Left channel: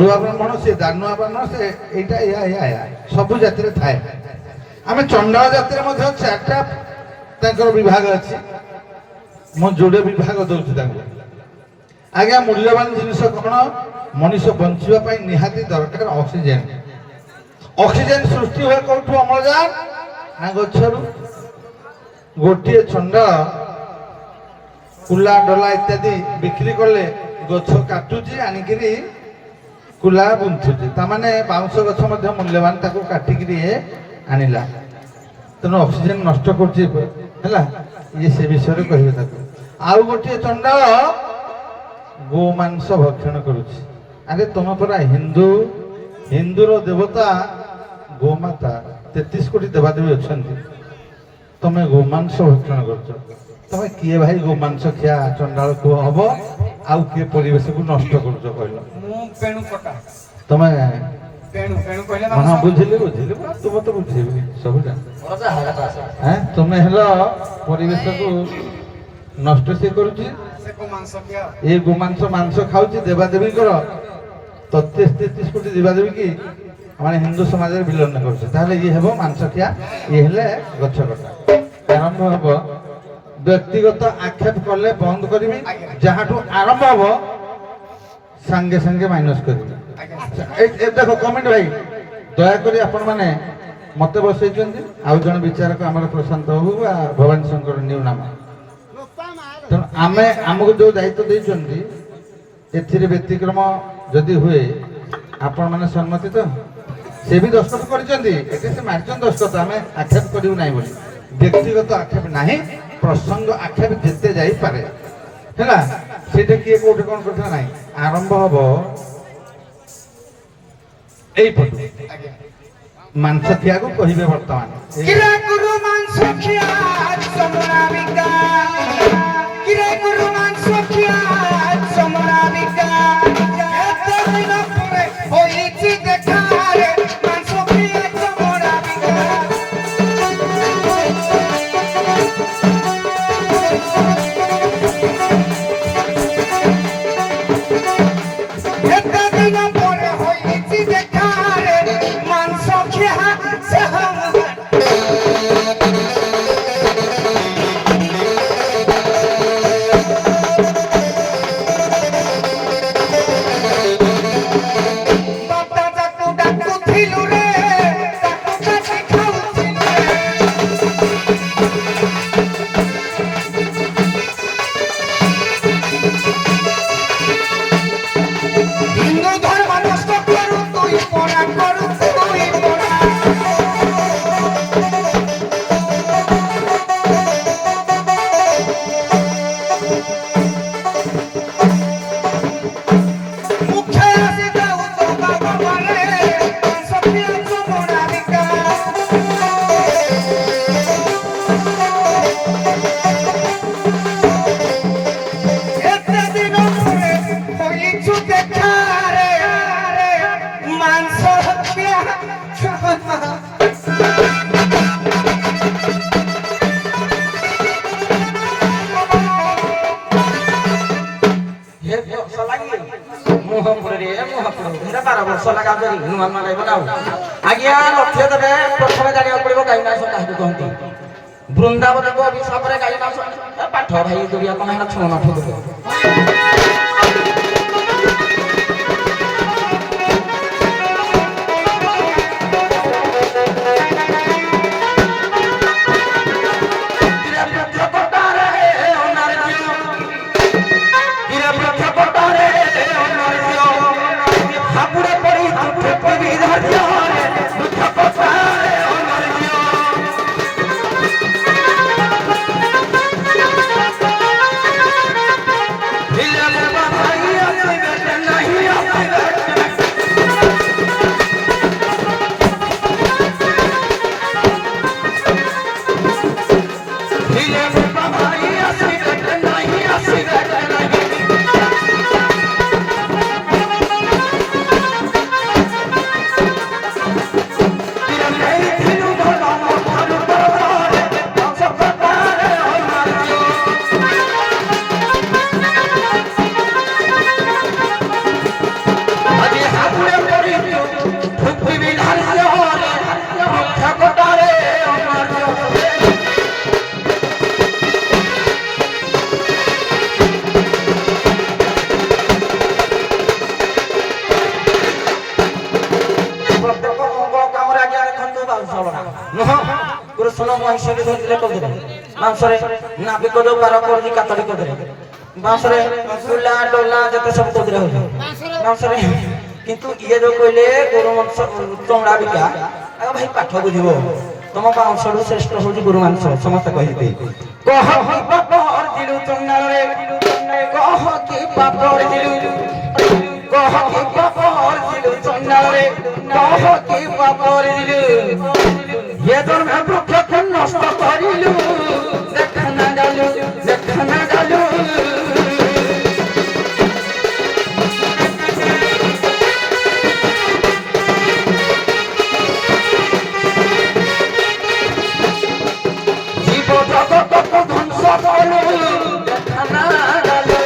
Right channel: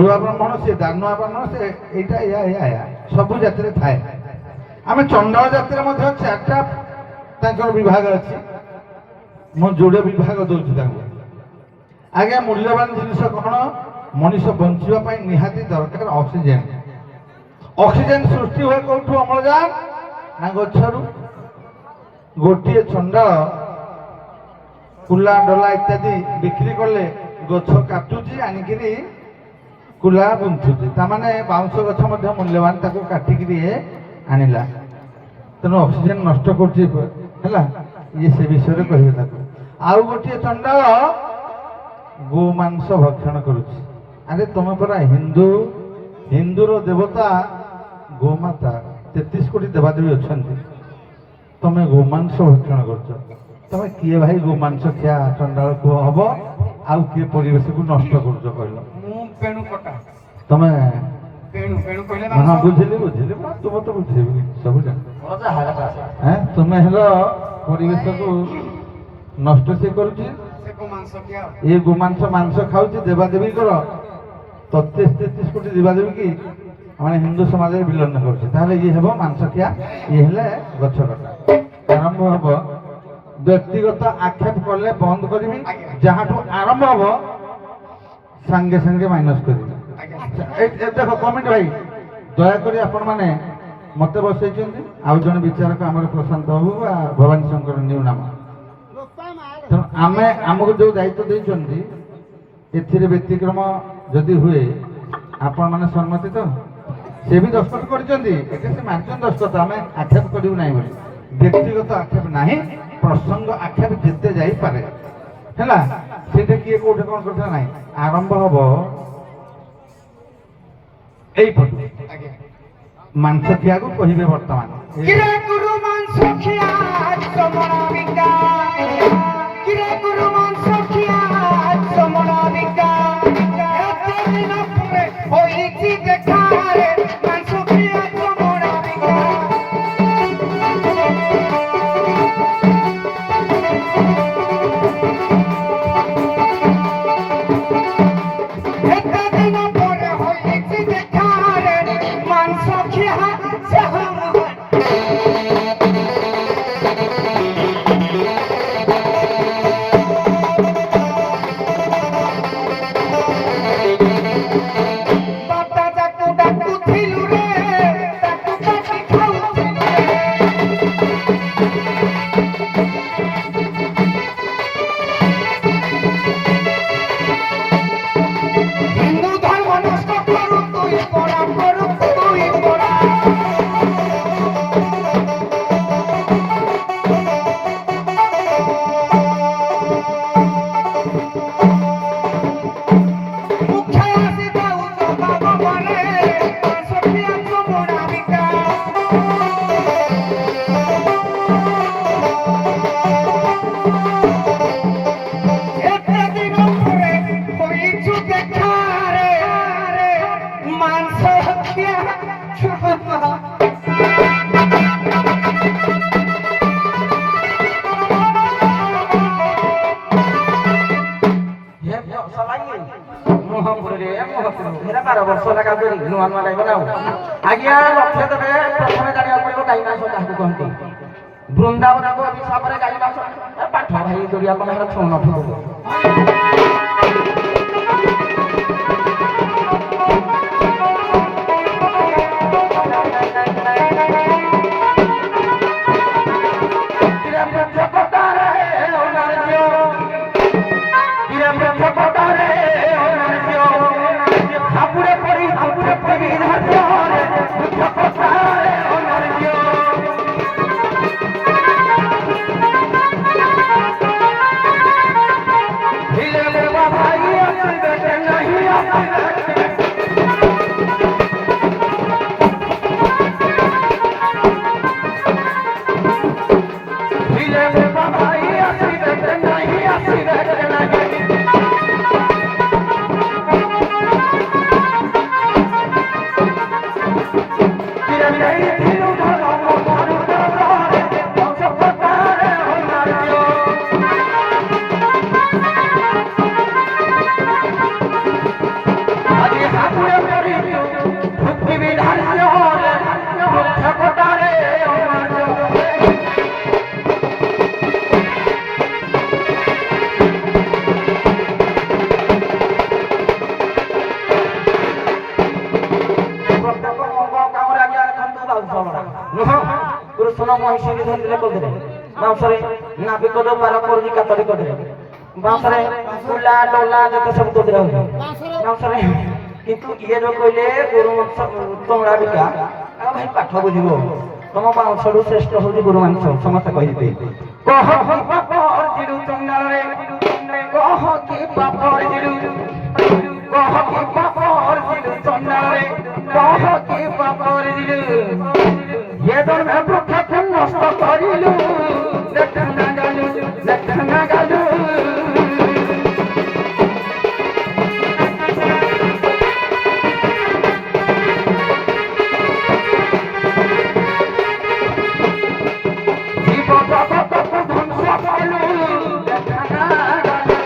ବ୍ରାହ୍ମଣ ସେ ଦାନୁଆ ବ୍ରାହ୍ମଣ ସେ ଏଇଟା ଏୟା ସବୁ ଜାତିରେ ଥାଏ। ଆମେ ଚଣ୍ଡାଳ ଜାତିରେ ମଧ୍ୟ ଚାରିଟା ତାଙ୍କର ବିଭାଗ ଅଛି। ମୁଁ ଯୋଡ଼େ ବିଭାଗ ଦଉଛି ତାଙ୍କୁ। ଆଜ୍ଞା, ମୂଲ୍ୟବାନ ଜିନିଷ କ'ଣ? ମଣିଷ ବଞ୍ଚିବା ପାଇଁ ନିହାତି ଦରକାର ଅକ୍ସିଜେନ। ଅକ୍ସିଜେନ ସୃଷ୍ଟି ହୁଏ କୋଉଠୁ? ଅମ୍ଳଜାନ ନା ଗଛରୁ? ଗୋଟିଏ ଚଣ୍ଡାଳ କୁଲା ଡଲା ଇତ୍ୟାଦି ବିକ୍ରି କଲେ ଗଛ କାଟୁଛି ଆଣିକିରି କୁଲା ବୁନ୍ଥୁଛି। ତାମାନେ ବାଉଁଶ ଗଛ ମଧ୍ୟ ମୂଲ୍ୟବାନ, ତାକୁ କାଟିକିରି ଆଣିଲା। ତେଣୁ ଅକ୍ସିଜେନ ନଷ୍ଟ କରୁଛି ହେଲା। ଇଏ ସେ ବିଷୟରେ କହିବେ ତାକୁ। ଆଉ ଗୋଟିଏ ଚଣ୍ଡାଳ ଗୋମାଂସ ଭକ୍ଷଣ କରୁଛି। ଆରେ ତମେ ପରା ହିନ୍ଦୁର ଦେବତା ଗୋମାତା, 33 କୋଟି ଦେବାଦେବୀ ଅଛନ୍ତି, ତମେ ଗୋମାଂସ ଭକ୍ଷଣ କରୁଛ। ତମେ କିଏ ଭାଇ ଗୋମାଂସ ଖିଆ ଚଣ୍ଡାଳ କୁହ ହବ? ଆଉ କିଏ ପରିବେଶକୁ ନଷ୍ଟ କରୁଛ କହିଲ? ତମେ ହଁ ବୁଝିଲି ତୁମ ତ ବୁଝେଇବି ସବୁ ଜାଣ। ତୁମେ ହେଲ ପରିବେଶକୁ ନଷ୍ଟ ସିଏ କରୁଛି। ଏ ଗୋମାଂସ ମାଂସ ଖାଉଛି ଦେବାଦେବୀଙ୍କର 33 କୋଟି ଦେବାଦେବୀ କି ମାନେ ହିନ୍ଦୁ ସମାଜରେ ବିଲନ କରୁଛି। ତାହେଲେ ଇଏ ହେବ ମାଂସ ଖିଆ, ଇଏ ହେଲେ ଗଛ କଟା। ଆରମ୍ଭ ହବ ବ୍ୟକ୍ତିଗତ ଆକ୍ଷେପ କଲେ ବନ୍ଦ କରିବି, ଯାହାଠୁ ଆରମ୍ଭ ହବ ସାଙ୍ଗେ ସାଙ୍ଗେ ମାଇନସ କରିବି। ଦେଖ କମେଣ୍ଟ ଭାଇ, ଦୟାକରି ଆପଣ ମାନେ ମତେ ବସେଇଛନ୍ତି, ଆଉ ଜଣେ ବିଚାରକ ଆମର ପ୍ରଶାନ୍ତ ବାବୁ ବା ଭବାନୀ ଶଙ୍କର ନିଉ ନାମ। ତେଣୁ ଆମକୁ ଯୋଉ ଦାୟିତ୍ୱ ଦେଇଛନ୍ତି, ଏଥିରେ ବ୍ୟତିକ୍ରମ ଯଦି ହୁଏ ଆପଣ ମାନେ ସମ୍ମତି ତ? ସେ ବି ଦସ୍ତଖତ କରିଛନ୍ତି, ଏଠି ସେ ମାରିଛନ୍ତି ଦସ୍ତଖତ, ଆମେ ଆକ୍ଷେପ କରିବୁ ନାହିଁ ବୋଲି। ବ୍ୟକ୍ତିଗତ ଆକ୍ଷେପ ନାହିଁ, ପ୍ରସଙ୍ଗ ଆକ୍ଷେପ ଯେତେ ଯାଇପାରେ ହେଲା। ସେଇଟା କିଏ କୋଉଠି କଣ କରିଥିଲା ନାହିଁ। ଆରମ୍ଭ ହବ ଏଇପଟୁ। ମାଂସ ଖିଆକୁ କହିବେ ବର୍ତ୍ତମାନ। ବୃନ୍ଦାବନ ହିସାବରେ ଗାଈ ମାସ ପାଠ ଭାଇ ଦୁରିଆ କଣ ଛଅ ନଠ ଦେବ। ପୁରେ ପଡ଼ିଛୁ ଭୁକ୍ତି ବିଧାନରେ ବୃକ୍ଷ କଟାରେ ପ୍ରତ୍ୟେକ ମଙ୍ଗଳ କାମରେ ଆଜ୍ଞା ଦେଖନ୍ତୁ ବାଉଁଶଳା ନୁହଁ କୃଷ୍ଣ ମହିଷୀ ଧରିଥିଲେ କହୁଥିଲେ ବାଉଁଶରେ ନାବିକ ଯୋଉ ପାର କରୁଛି କାତଡ଼ି କରିଦେଲେ ବାଉଁଶରେ କୁଲା ଡଲା ଯେତେ ସବୁ କହୁଥିଲେ ହଉଛି ବାଉଁଶରେ କିନ୍ତୁ ଇଏ ଯୋଉ କହିଲେ ଗୁରୁ ମାଂସ ଚମଡ଼ା ବିକା ଆଉ ଭାଇ ପାଠ ବୁଝିବ ତମ ବାଉଁଶରୁ ଶ୍ରେଷ୍ଠ ହଉଛି ଗୁରୁ ମାଂସ ସମସ୍ତେ କହିବେ କହ ପାପ ଅର୍ଜିଲୁ ଚଣ୍ଡାଳରେ କହ କି ପାପ ଅର୍ଜିଲୁ କହ କି ପାପ ଅର୍ଜିଲୁ ଚଣ୍ଡାଳରେ କହ କି ପାପ ଅର୍ଜିଲୁ ये जन्म वृक्ष नष्ट करिलु देखना गालु देखना गालु जीव जगत को ध्वंस कलु देखना गालु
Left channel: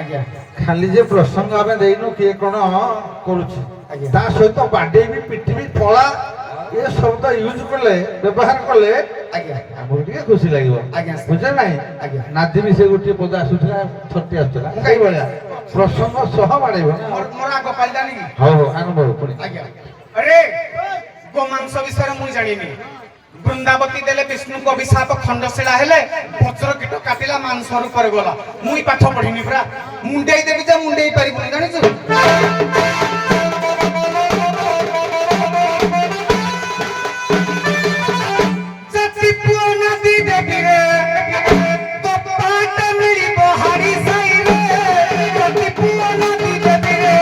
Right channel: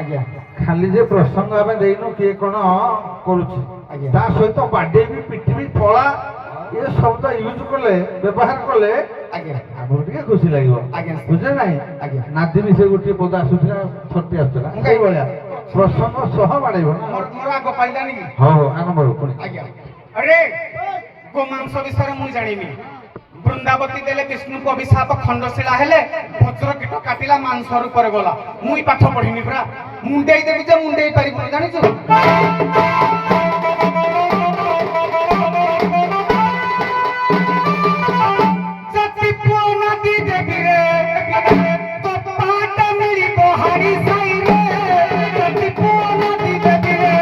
आज्ञा ଖାଲି ଯେ ପ୍ରସଙ୍ଗ ଆମେ ଦେଇନୁ କିଏ କଣ କରୁଛି ଆଜ୍ଞା। ତା ସହିତ ବାଡେଇବି ପିଟିବି ପଳା ଏ ସବୁ ତ ୟୁଜ କଲେ ବ୍ୟବହାର କଲେ आज्ञा ଆମକୁ ଟିକେ ଖୁସି ଲାଗିବ ଆଜ୍ଞା। ବୁଝେ ନାହିଁ ଆଜ୍ଞା। ନାଦି ବି ସେ ଗୋଟିଏ ପଦ ଆସୁଥିଲା ଥରଟି ଆସୁଥିଲା ସେଇଭଳିଆ ପ୍ରସଙ୍ଗ ସହ ବାଡେଇବ ମୋର ଆଗ ପାଇଲାନି କି ହଉ ହଉ ଆରମ୍ଭ ହଉ ପୁଣି ଆଜ୍ଞା अरे ଗୋମାଂସ ବିଷୟରେ ମୁଁ ଜାଣିନି ବୃନ୍ଦାବତୀ ଦେଲେ ବିଷ୍ଣୁଙ୍କ ଅଭିଶାପ ଖଣ୍ଡଶିଳା ହେଲେ ବଜ୍ର କୀଟ କାଟିଲା ମାଂସ ରୂପରେ ଗଲା ମୁଇଁ ପାଠ ପଢିନି ପୁରା ମୁଣ୍ଡେଇ ଦେବି ଯେ ମୁଣ୍ଡେଇ ପାରିବୁନି ଜାଣିଛୁ ଜାତି ପୁଅ ନାତି ଦେବିରେ କପାଟ ମିଳିବ ହାରି ସାଇରେ ଜାତି ପୁଅ ନାତି ଦେବିରେ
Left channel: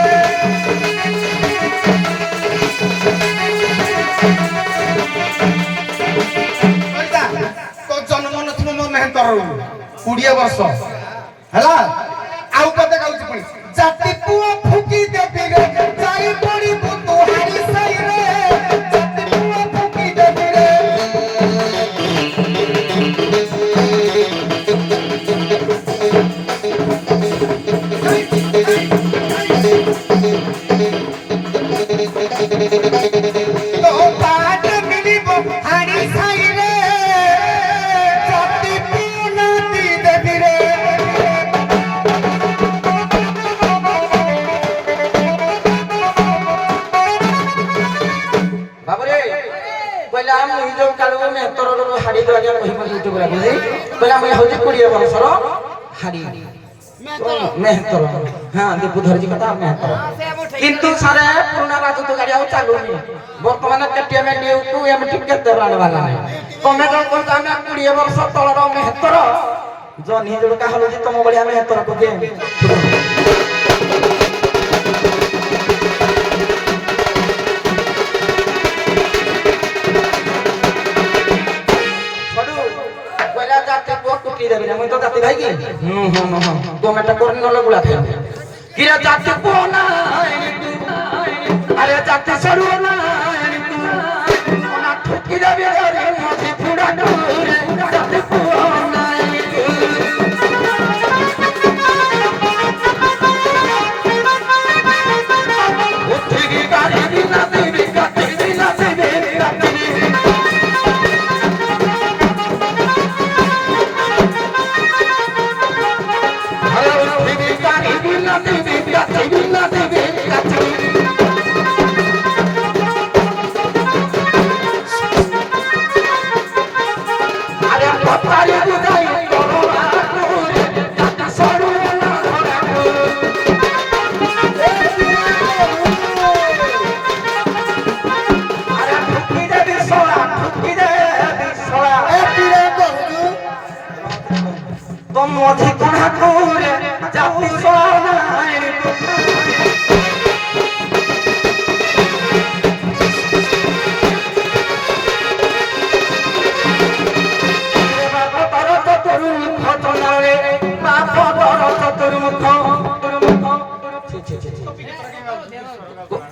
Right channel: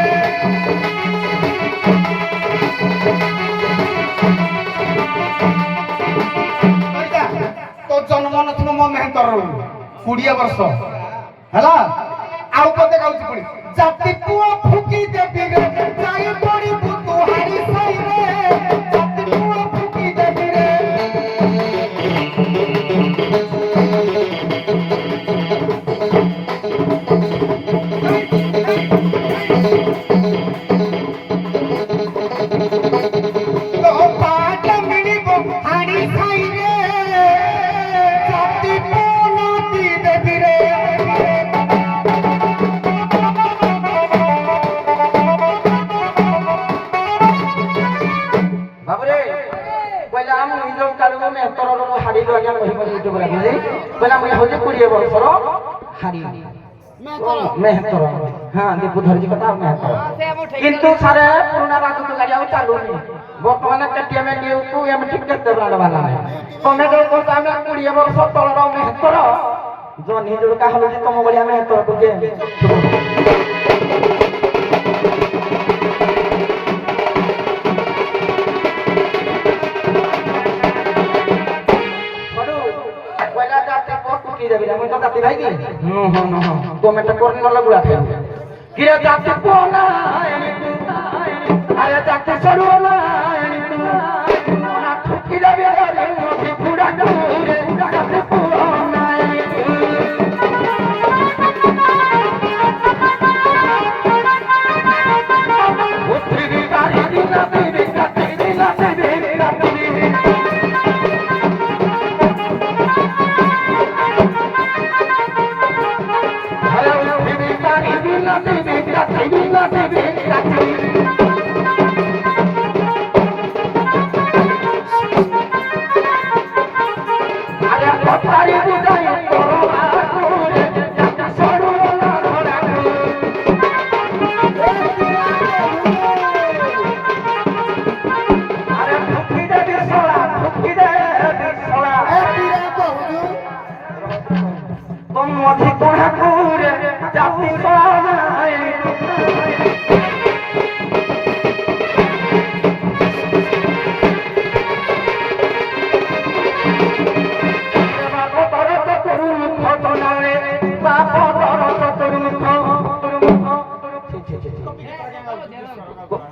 तो जन्म नथिब मो मेहनतर 20 वर्ष हैला आउ कते गाउची पड़ी जाति पुआ फुकी देबी रे जाई पड़ी तू हारी साई रे जाति पुआ फुकी देबी रे तो पाट मिलिबो हारी साई रे जाति पुना दी देबी रे बाबरे पहले हम ई जो कालू में तरल हाड़ी दुआरिया कहि पर यूट्यूब रे बुझी पहले हम होजे 20 वर्षर हाड़ी मेहतर हां दीपू धरजी कथा मेहतर किंतु सारे पुराना राजू तो गाड़ी आउ चालुनी वर्तमान केटीएम न्यू को एमटी केते ब्रांड वाला नहीं तमे जो कहता हम 20 वर्ष तळर मेहतर जो निजुड़का हलो तम बढिया मेहतर को जे तो जाति भाई की टोमेटो कोर्न वाला गुड़ा खाई किरा जाति पोना अरे जाति सरुना ना ठुकी जाबे रे मथि फुडा डोरे जाति पोना उठी की गाड़ी दिना देवी गाती दिना देवी गाती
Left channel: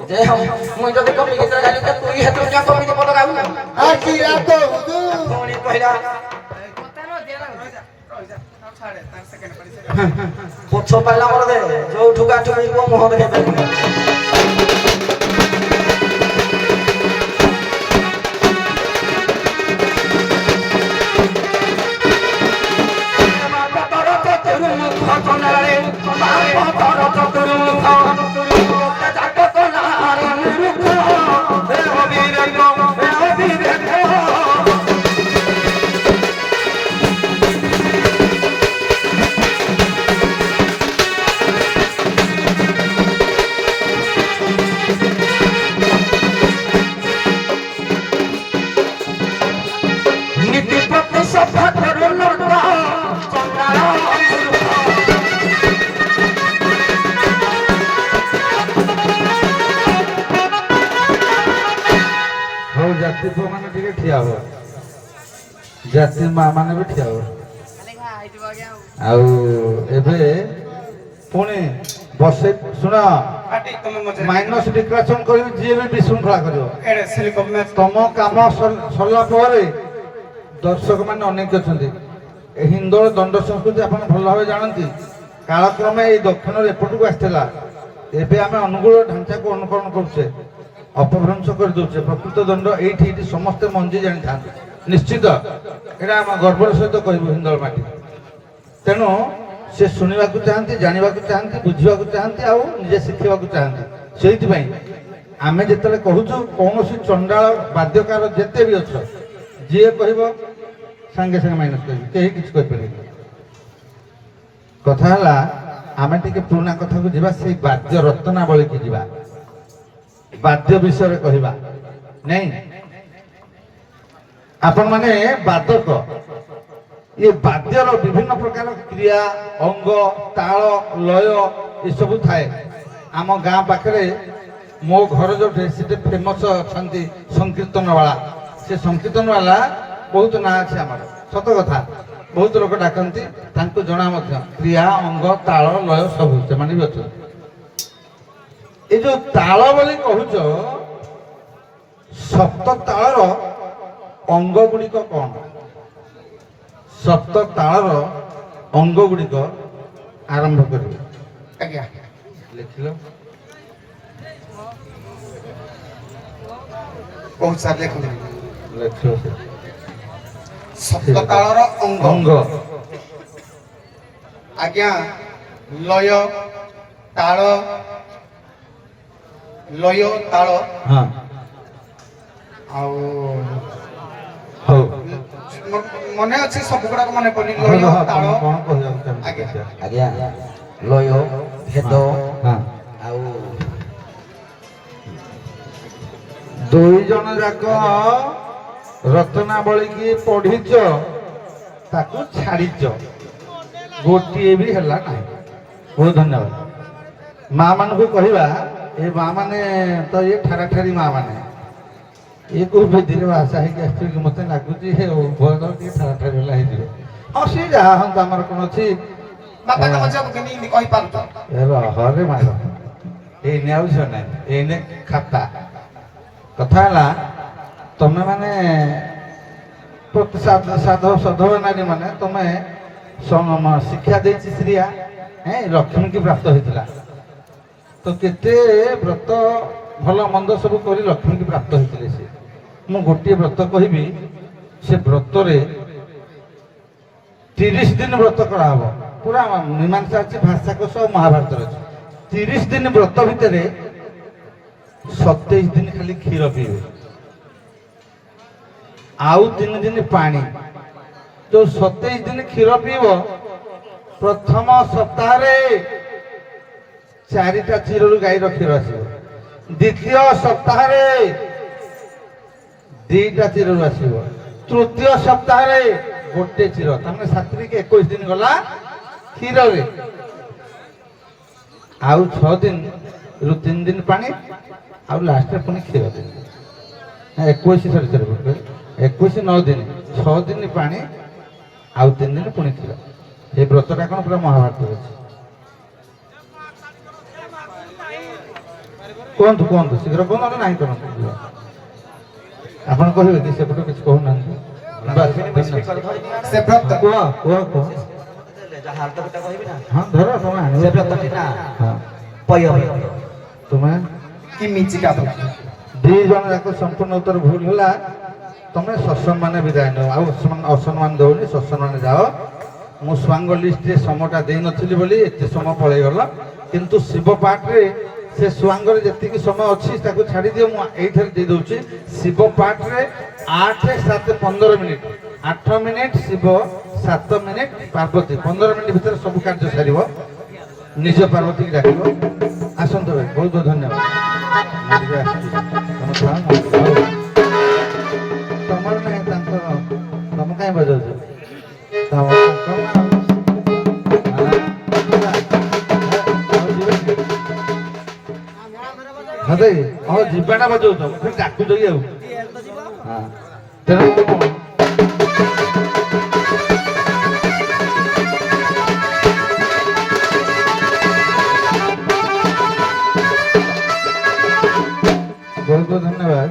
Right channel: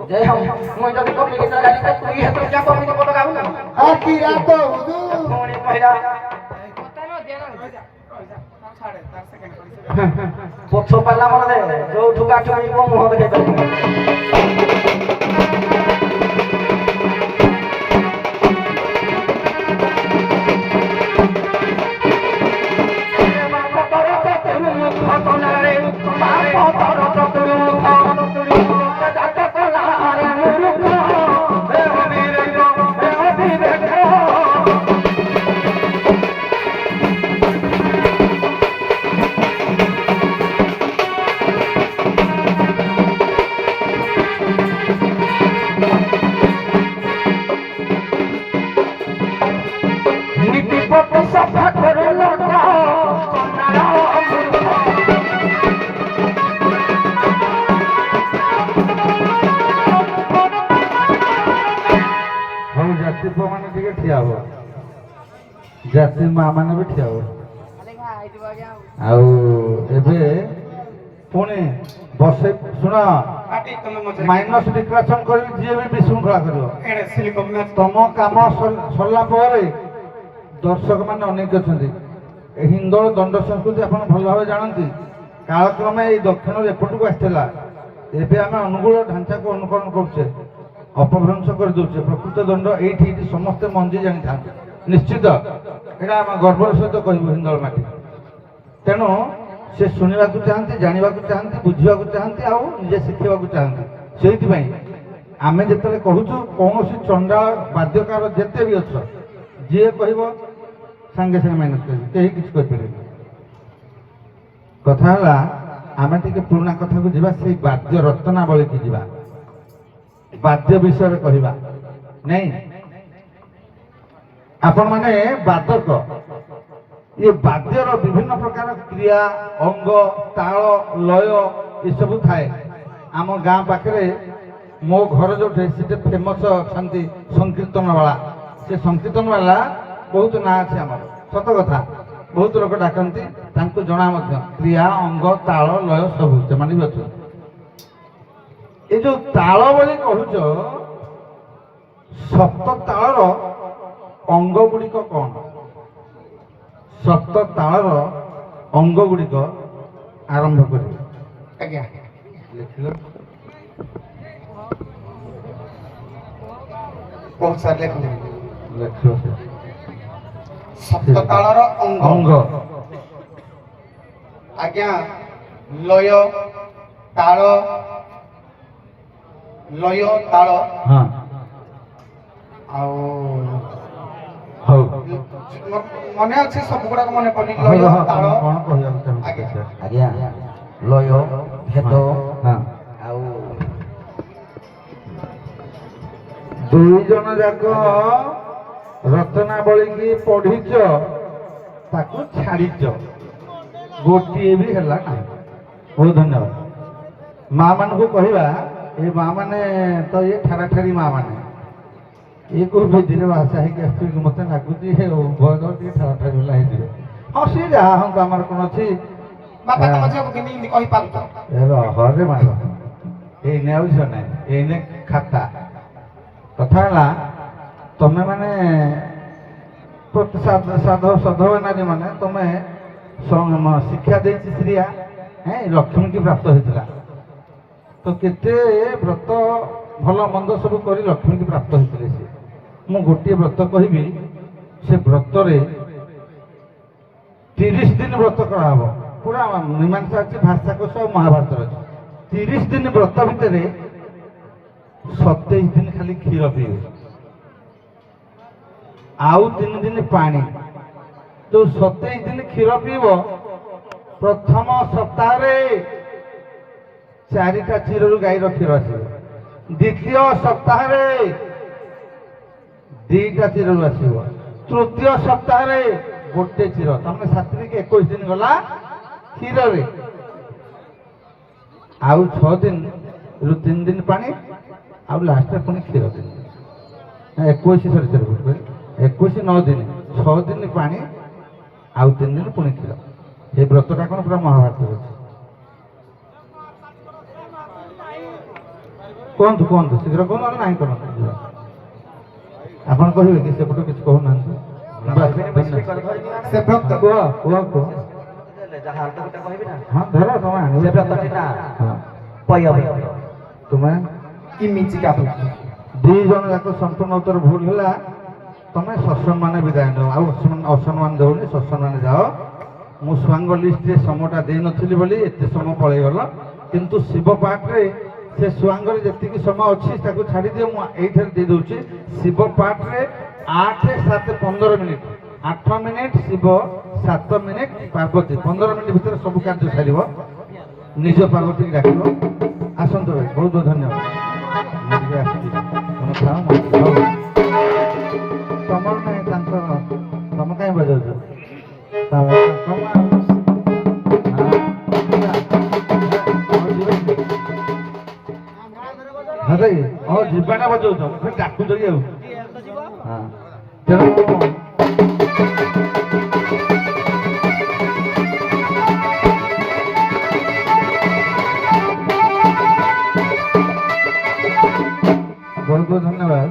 जय हम मुई जदी कपी गीत गाली त तू हेतु क्या कपी पद गाउ ना आ की रा तो कोणी कहला ପଛ ପାଲା ମୋର ଦେ ଯୋଉ ଠୁକା ଠୁକି ଯିବ ମୁହଁ ଦେଖେଇ ପାରିବି সফা করো লঙ্কা চন্দ্রার ହଉ ଜାତି ପୁଅ ମାନେ ଟିକେ ଠିଆ ହବ ଜାତି ମା ମାନେ ବି ଠିଆ ହବ ଆଉ ଏବେ ପୁଣି ବସେଇ ଶୁଣ ମାଇନସ ଡିକ୍ଲାରେସନ କରିବି ଯିଏ ବି ବିଶୃଙ୍ଖଳା କରିବ ତମ କାମ ସରିଲା ପରେ ଦର୍ଶକ ମାନେ ଅନେକ ଅଛନ୍ତି ହିନ୍ଦୋଳ ଦଣ୍ଡ ସଂସ୍କୃତି ଆପଣ ଭଲ ଭାବେ ଜାଣନ୍ତି କାଳକ୍ରମେ ଏଇ ଦକ୍ଷିଣରୁ ଏପଟକୁ ଆସିଥିଲା ଏବେ ଆମେ ଅନୁକୂଳ ଢାଞ୍ଚାକୁ ଅନୁକରଣ କରୁଛେ ଅପଭ୍ରଂଶ କରିଦେଉଛେ ପ୍ରକୃତ ଦଣ୍ଡ ଏଇଠି ଏଇଠି ସମସ୍ତେ ମଞ୍ଜି ଜାଣିଥାନ୍ତି ନିଶ୍ଚିତ ଏଇଟା ଆମେ ଗର୍ବର ସହିତ କହିବୁ ହିନ୍ଦୋଳ ମାଟି ତେଣୁ ସେ ଶୁଣିବାକୁ ଚାହାନ୍ତି ଜାଣିବାକୁ ଚାହାନ୍ତି ବୁଝିବାକୁ ଚାହାନ୍ତି ଆଉ ନିଜେ ଶିଖିବାକୁ ଚାହାନ୍ତି ସେଇଥିପାଇଁ ଆମେ ଯେତେବେଳେ କହୁଛୁ କୌଣସି ଚଣ୍ଡାଳ ବାଦ୍ୟକାର ଯେତେ ବି ଅଛ ଯିଏ କହିବ ସାଙ୍ଗେ ସାଙ୍ଗେ ମାଇନସ୍ କରିବି କେହି କିଛି କହିପାରିବେନି କଥା ହେଲା ଆମେ ଟିକେ ପୁରୁଣା କଥାକୁ ଯିବା ସେଇ ବାଦ୍ୟ ରତ୍ନାବଳୀକି ଯିବା ବାଦ୍ୟ ବିଷୟରେ କହିବା ନାଇଁ ଆପଣ ମାନେ ବାଦକ ये बाद्यर विभिन्न प्रकार क्रिया अंग ताल लय एसबू थाए आम गाँ पाखे मो घर जो फेमस अच्छा संकीर्तन वाला से संकीर्तन वाला बहुत ना अच्छे आम सत कथा बहुत लोक डाकती जना क्रिया अंग ताल लय सबू से भी अच्छा ये जो ताल बोली कहूच सप्त तालर अंग गुड़िक कौन सप्त तालर अंग गुड़िक आरंभ करेंगे लिखिल बहुत सारे लिखिल सप्त तालर अंग अंग आज्ञा लय ताल लय ताल हाँ हौ मने अच्छे सब गुड़ाक मन पड़ी लय ताल आज्ञा लय भेद हाँ आउ दुई जन जाक रत्नावली की पढ़ीच ताकू छाड़ीच गोटे भी हला ना बहुत धन्यवाद माँ मान को कहवा ये माँ माने तो ये ठारा ठारी माँ माने ये को धीरे भाषा है कि मत लगुच उभय ठारा ठारी है हाँ सी जहाँ हम आम कौन अच्छी बापा तम झियो के हिंदी कहि पारत हरे मार एने आउ ना एने खाता कथा है तमें माने साधव सधव नारी माने तुम्हें शिक्षा दे श्रिया लक्ष्मी की प्राप्त होता तो केते व्रत भल मंद सब कर लक्ष्मी की प्राप्त होते से मु गोटे व्रत कहबी से व्रत 30 दिन व्रत कराब पूरा मीमांसा अच्छी भाषा कोश और महाभारत अच्छे 30 दिन व्रत भितर 27 दिन खाली क्षीर पीबे आउ 3 दिन पानी जो 27 दिन क्षीर पीब प्रथम सप्ताह 4टा क्षीर गाई क्षीर आस द्वितीय सप्ताह 2टा क्षीर आस तृतीय सप्ताह गोटे क्षीर तमें 7 21 दिन गला क्षीर आउ 6 दिन रु 3 दिन पानी आउ लास्ट पुणी क्षीर दिन 21 सरी 21 9 दिन 6 दिन पानी आउ 3 दिन पुणी क्षीर ये व्रतटा कौन पूरा महाभारत अच्छे कहतु कहतु शीघ्र कहतु ना कहतु आप कहे कि सेपटू किसी कहना ସେ ବ୍ରତ କୁହ କୁହ କୁହ ଯାହା ହାଲତ ଗୋଟେ କହିବି ନା ହଁ ଧର ତମେ ଆଣିବ ସେ ବ୍ରତଟି ନା ହଁ ପୟ ତୁମେ କି ମିଚିକା ତ ଦି ଜଣ ଯାକ ସମ୍ପୂର୍ଣ୍ଣ ଉତ୍ତର ଭୁଲ ହେଲା ତମେ ସତ୍ସମ୍ମାନ ବିଦାୟ ନେବ ଆଉ ଅସମ୍ମାନ ଦେଉନି ସତ୍ସମ୍ମାନ ଯାଅ ମୁଁ ସ୍ୱାଙ୍ଗ ଲିଷ୍ଟରେ ସମୟଟା ଦେଇନଥିଲି ବୋଲି ଏତେ ସମୟ ପଳେଇଗଲ କିନ୍ତୁ ଶିବ ପାଠରେ ସେ ସ୍ୱାଙ୍ଗରେ ଯେତିକି ସମୟ ଅଛି ତାକୁ ଛାଡ଼ିଦିଅ ମୁଁ ଏଇଠାରେ ଦେଇଦେଉଛି ଶିବ ପାଠରେ 8, 7, 15 minute 8 minute Shiva 7 minute Parvati 15 minute ଭିତରେ ସବୁ କାର୍ଯ୍ୟ ସାରିବ ନିଜ ପାର୍ବତୀକି ଡାକିବ ଆସନ୍ତୁ ଭାଇ ବହୁତ ବହୁତ ଧନ୍ୟବାଦ ମୁଁ ଟିକେ ଆସିଛି ତମେ ଥାଅ ନା ଆଉ ତମର ନାହିଁ ତାଙ୍କର ତମେ କାହିଁ ବଜାଉଛ ହଁ ଯିବାଟା ବଜାଉଛ ମୁଁ ଡାକୁଛ କି ଆଉ ହଁ ତେଣୁ ବହୁତ ବହୁତ ଧନ୍ୟବାଦ